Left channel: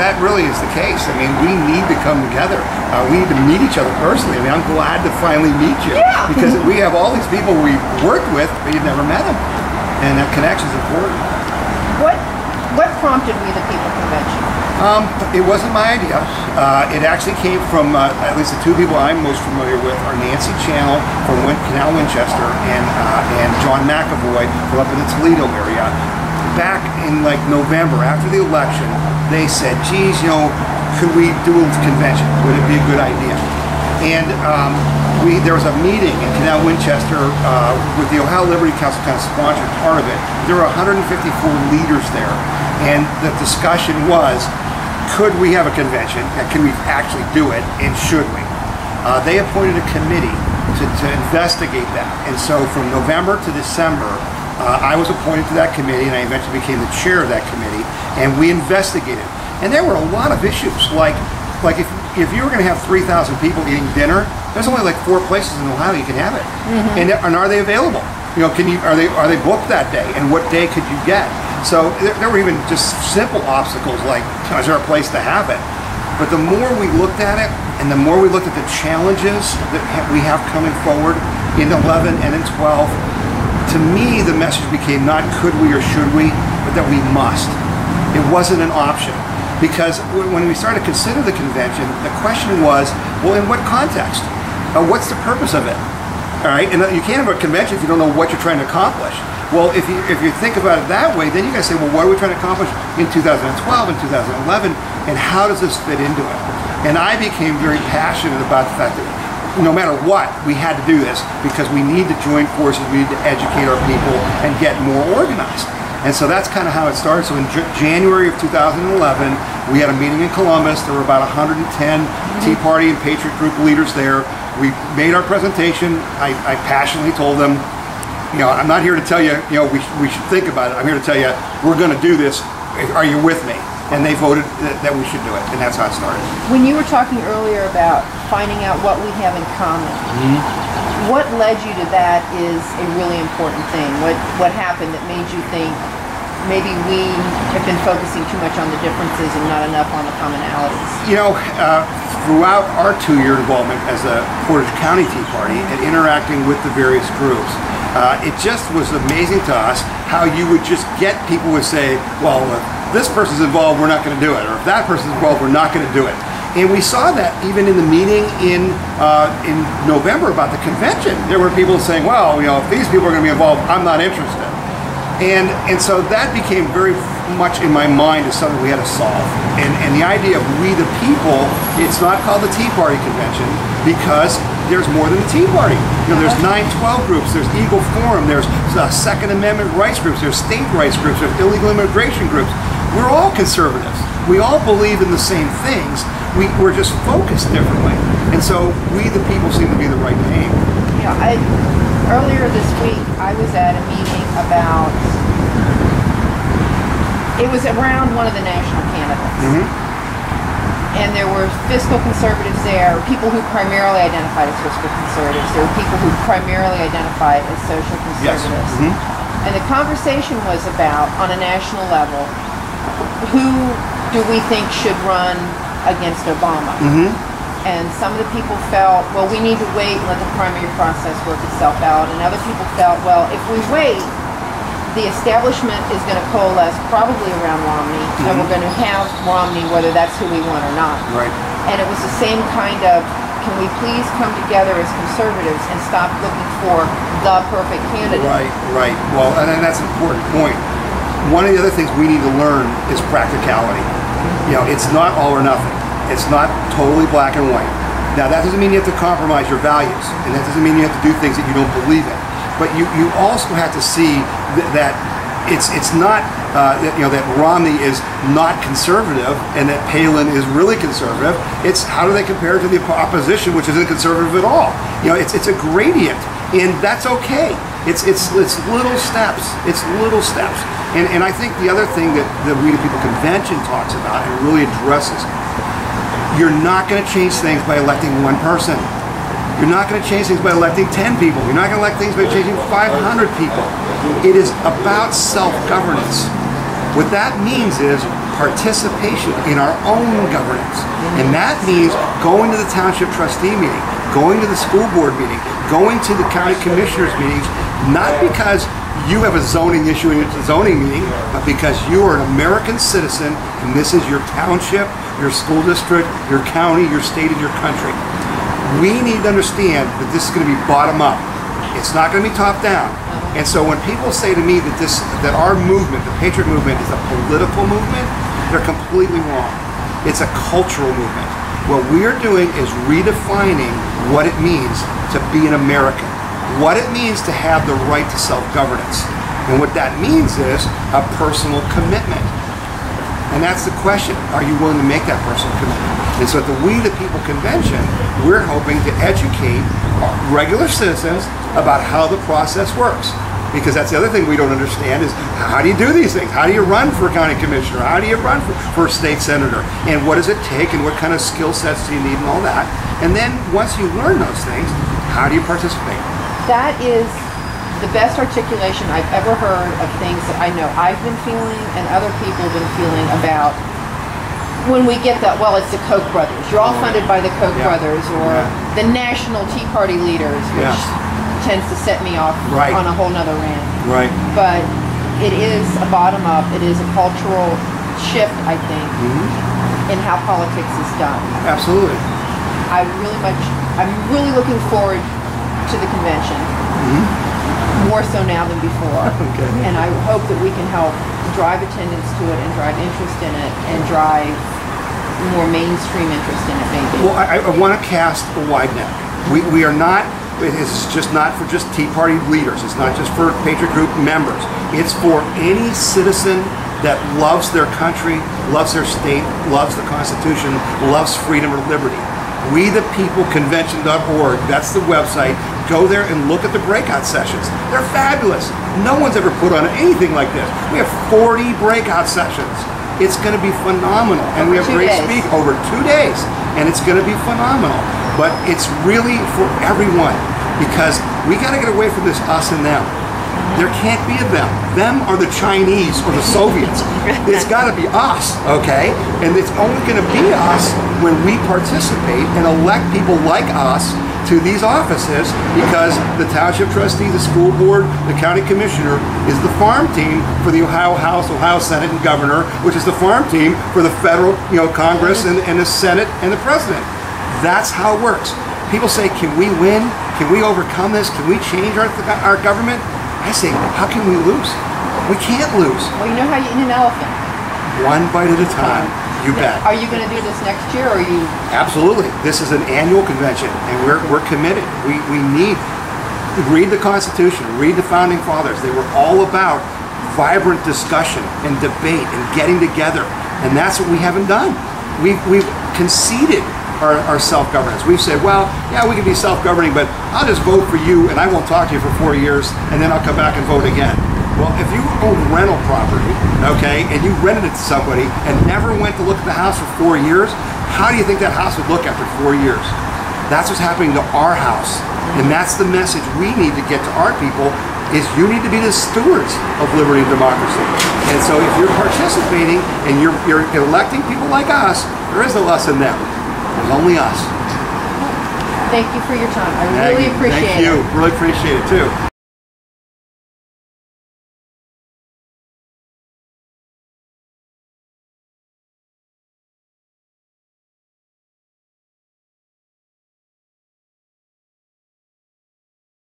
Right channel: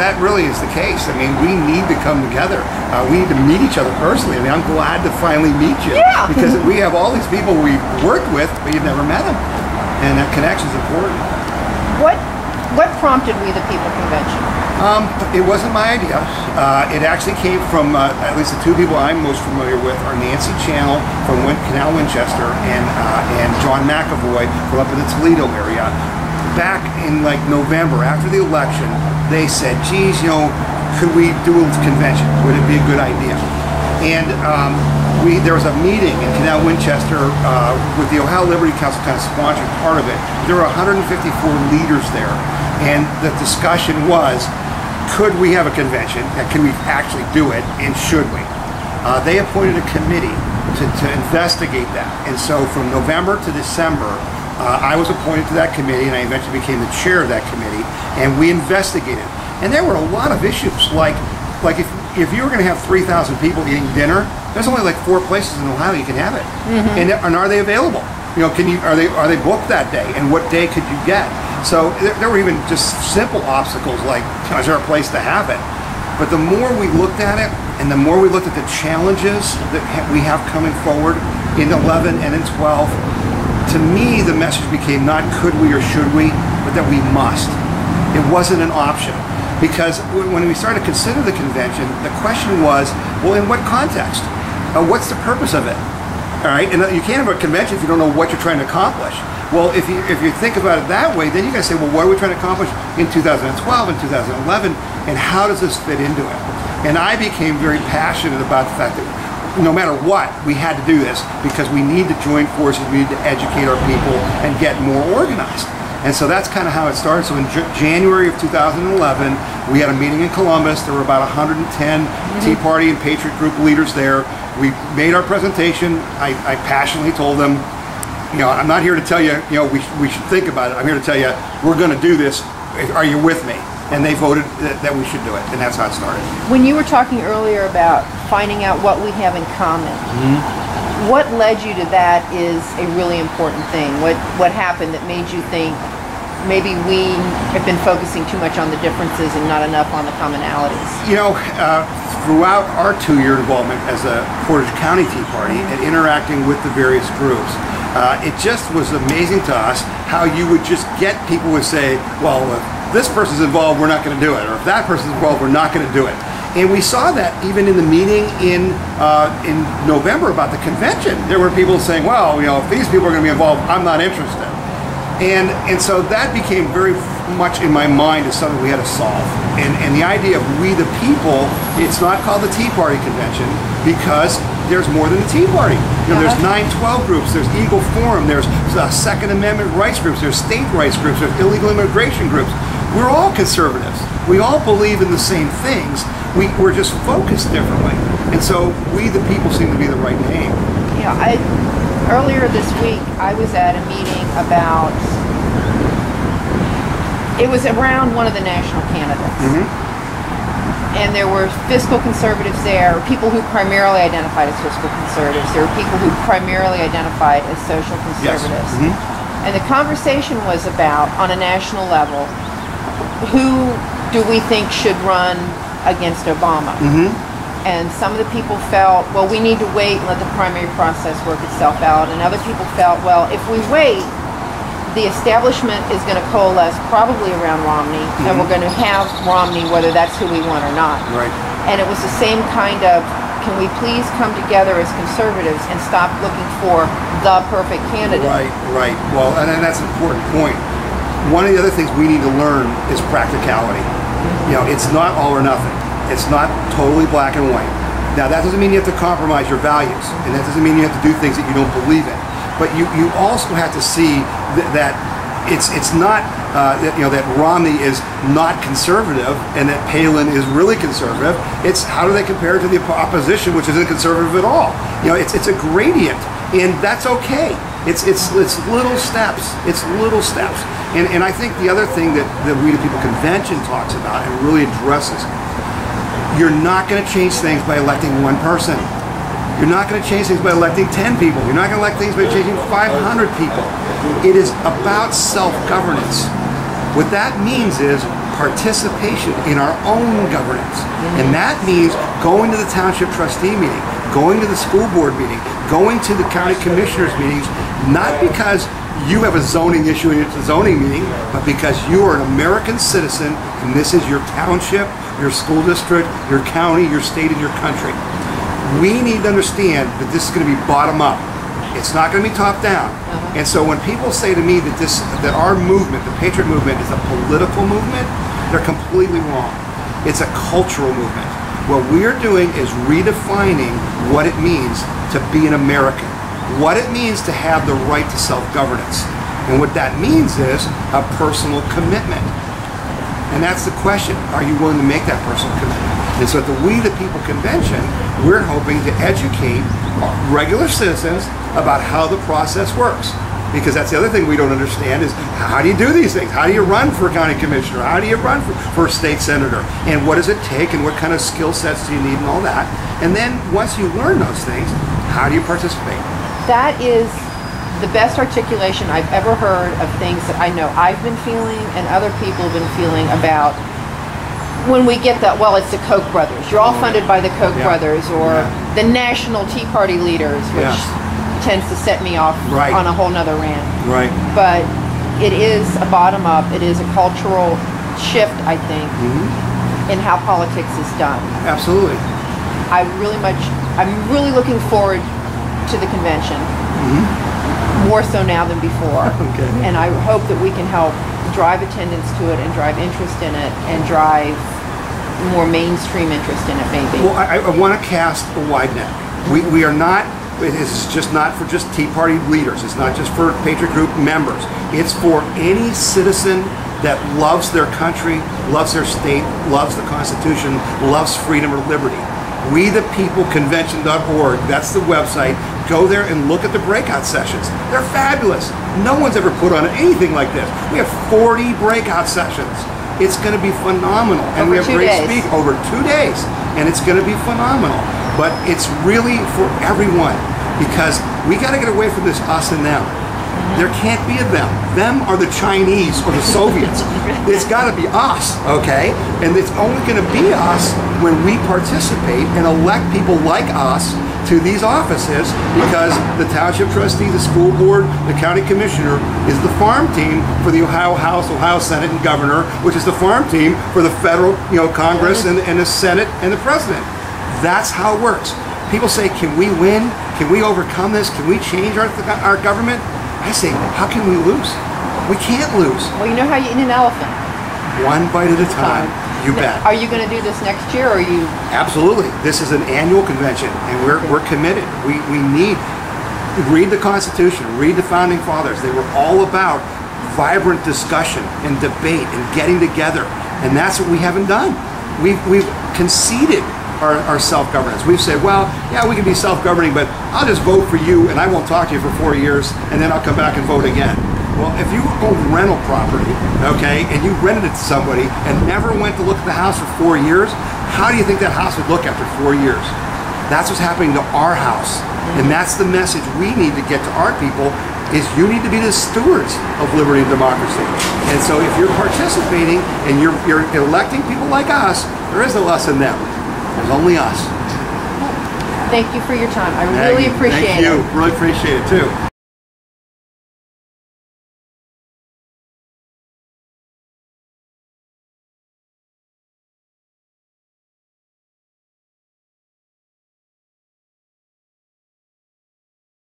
that really is the case. I mean, we need to come together. We need to meet each other personally. I mean, I'm glad to finally meet you. Yeah. Because we have all these people we've worked with, but you've never met them. And that connection is important. What prompted We the People convention? It wasn't my idea. It actually came from at least the two people I'm most familiar with are Nancy Channel from Canal Winchester and John McAvoy from up in the Toledo area. Back in like November after the election, they said, geez, you know, could we do a convention? Would it be a good idea? And there was a meeting in Canal Winchester with the Ohio Liberty Council kind of sponsored part of it. There were 154 leaders there. And the discussion was, could we have a convention? And can we actually do it? And should we? They appointed a committee to investigate that. And so from November to December, I was appointed to that committee, and I eventually became the chair of that committee, and we investigated. And there were a lot of issues, like if you were going to have 3,000 people eating dinner, there's only like 4 places in Ohio you can have it. And are they available? You know, are they booked that day? And what day could you get? So there were even just simple obstacles like, is there a place to have it? But the more we looked at it, and the more we looked at the challenges that we have coming forward in 11 and in 12, to me the message became not could we or should we, but that we must. It wasn't an option. Because when we started to consider the convention, the question was, well, in what context? What's the purpose of it? All right, and you can't have a convention if you don't know what you're trying to accomplish. Well, if you think about it that way, then you got to say, well, what are we trying to accomplish in 2012 and 2011, and how does this fit into it? And I became very passionate about the fact that no matter what, we had to do this because we need to join forces, we need to educate our people and get more organized. And so that's kind of how it started. So in January of 2011, we had a meeting in Columbus. There were about 110 Tea Party and Patriot Group leaders there. We made our presentation. I passionately told them, you know, I'm not here to tell you, you know, we should think about it. I'm here to tell you, we're going to do this. Are you with me? And they voted that we should do it. And that's how it started. When you were talking earlier about finding out what we have in common, what led you to that is a really important thing. What happened that made you think maybe we have been focusing too much on the differences and not enough on the commonalities? You know, throughout our 2-year involvement as a Portage County Tea Party and interacting with the various groups, it just was amazing to us how you would just get people would say, well, if this person's involved, we're not going to do it. Or if that person's involved, we're not going to do it. And we saw that even in the meeting in November about the convention. There were people saying, well, you know, if these people are going to be involved, I'm not interested. And so that became very much in my mind as something we had to solve. And the idea of we the people, it's not called the Tea Party Convention because there's more than the Tea Party. You know, there's 9/12 groups, there's Eagle Forum, there's Second Amendment rights groups, there's state rights groups, there's illegal immigration groups. We're all conservatives. We all believe in the same things. We're just focused differently. And so we the people seem to be the right name. Yeah, earlier this week I was at a meeting about, it was around one of the national candidates. And there were fiscal conservatives there, or people who primarily identified as fiscal conservatives. There were people who primarily identified as social conservatives. And the conversation was about, on a national level, who do we think should run against Obama? And some of the people felt, well, we need to wait and let the primary process work itself out. And other people felt, well, if we wait, the establishment is going to coalesce probably around Romney, and we're going to have Romney whether that's who we want or not. And it was the same kind of, can we please come together as conservatives and stop looking for the perfect candidate? Right. Well, and that's an important point. One of the other things we need to learn is practicality. You know, it's not all or nothing. It's not totally black and white. Now, that doesn't mean you have to compromise your values, and that doesn't mean you have to do things that you don't believe in. But you also have to see that it's not that Romney is not conservative and that Palin is really conservative. It's how do they compare to the opposition, which isn't conservative at all. You know, it's a gradient, and that's okay. It's little steps. It's little steps. And I think the other thing that the We the People Convention talks about and really addresses, you're not going to change things by electing one person. You're not going to change things by electing 10 people. You're not going to elect things by changing 500 people. It is about self-governance. What that means is participation in our own governance. And that means going to the township trustee meeting, going to the school board meeting, going to the county commissioners meetings, not because you have a zoning issue in a zoning meeting, but because you are an American citizen and this is your township, your school district, your county, your state, and your country. We need to understand that this is going to be bottom up. It's not going to be top down. And so when people say to me that our movement, the Patriot movement, is a political movement, they're completely wrong. It's a cultural movement. What we're doing is redefining what it means to be an American, what it means to have the right to self-governance. And what that means is a personal commitment. And that's the question. Are you willing to make that personal commitment? And so at the We the People Convention, we're hoping to educate regular citizens about how the process works. Because that's the other thing we don't understand is, how do you do these things? How do you run for county commissioner? How do you run for state senator? And what does it take, and what kind of skill sets do you need, and all that? And then once you learn those things, how do you participate? That is the best articulation I've ever heard of things that I know I've been feeling and other people have been feeling about when we get that, well, it's the Koch brothers. You're all funded by the Koch brothers, or the national Tea Party leaders, which tends to set me off on a whole nother rant. Right. But it is a bottom up, it is a cultural shift, I think, in how politics is done. Absolutely. I'm really looking forward to the convention. More so now than before. And I hope that we can help drive attendance to it and drive interest in it and drive more mainstream interest in it, maybe. Well, I want to cast a wide net. We are not, it's just not for just Tea Party leaders. It's not just for Patriot Group members. It's for any citizen that loves their country, loves their state, loves the Constitution, loves freedom or liberty. WeThePeopleConvention.org, that's the website. Go there and look at the breakout sessions. They're fabulous. No one's ever put on anything like this. We have 40 breakout sessions. It's going to be phenomenal. And we have great speakers over 2 days. And it's going to be phenomenal. But it's really for everyone, because we got to get away from this us and them. There can't be a them. Them are the Chinese or the Soviets. It's got to be us, okay? And it's only going to be us when we participate and elect people like us to these offices, because the township trustee, the school board, the county commissioner is the farm team for the Ohio House, Ohio Senate, and governor, which is the farm team for the federal, Congress and the Senate and the president. That's how it works. People say, can we win? Can we overcome this? Can we change our government? I say, how can we lose? We can't lose. Well, you know how you eat an elephant? One bite at a time. You bet. Are you going to do this next year, or are you? Absolutely. This is an annual convention, and we're committed. We need to read the Constitution, read the Founding Fathers. They were all about vibrant discussion and debate and getting together, and that's what we haven't done. We've conceded our self-governance. We've said, well, yeah, we can be self-governing, but I'll just vote for you and I won't talk to you for 4 years, and then I'll come back and vote again. Well, if you own rental property, okay, and you rented it to somebody and never went to look at the house for 4 years, how do you think that house would look after 4 years? That's what's happening to our house. And that's the message we need to get to our people, is you need to be the stewards of liberty and democracy. And so if you're participating and you're electing people like us, there is no us and them. There's only us. Thank you for your time. I really appreciate it. Thank you. Really appreciate it too.